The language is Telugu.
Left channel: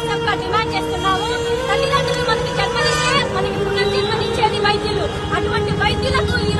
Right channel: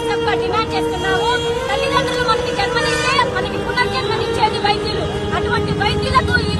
వైఎస్ఆర్ గా డిమాండ్ చేస్తున్నాము. తల్లిదండ్రులు మనకి జన్మనిస్తే మనకి పునర్జన్మనిచ్చేది వైద్యులు. అటువంటి వైద్యులకు ఈ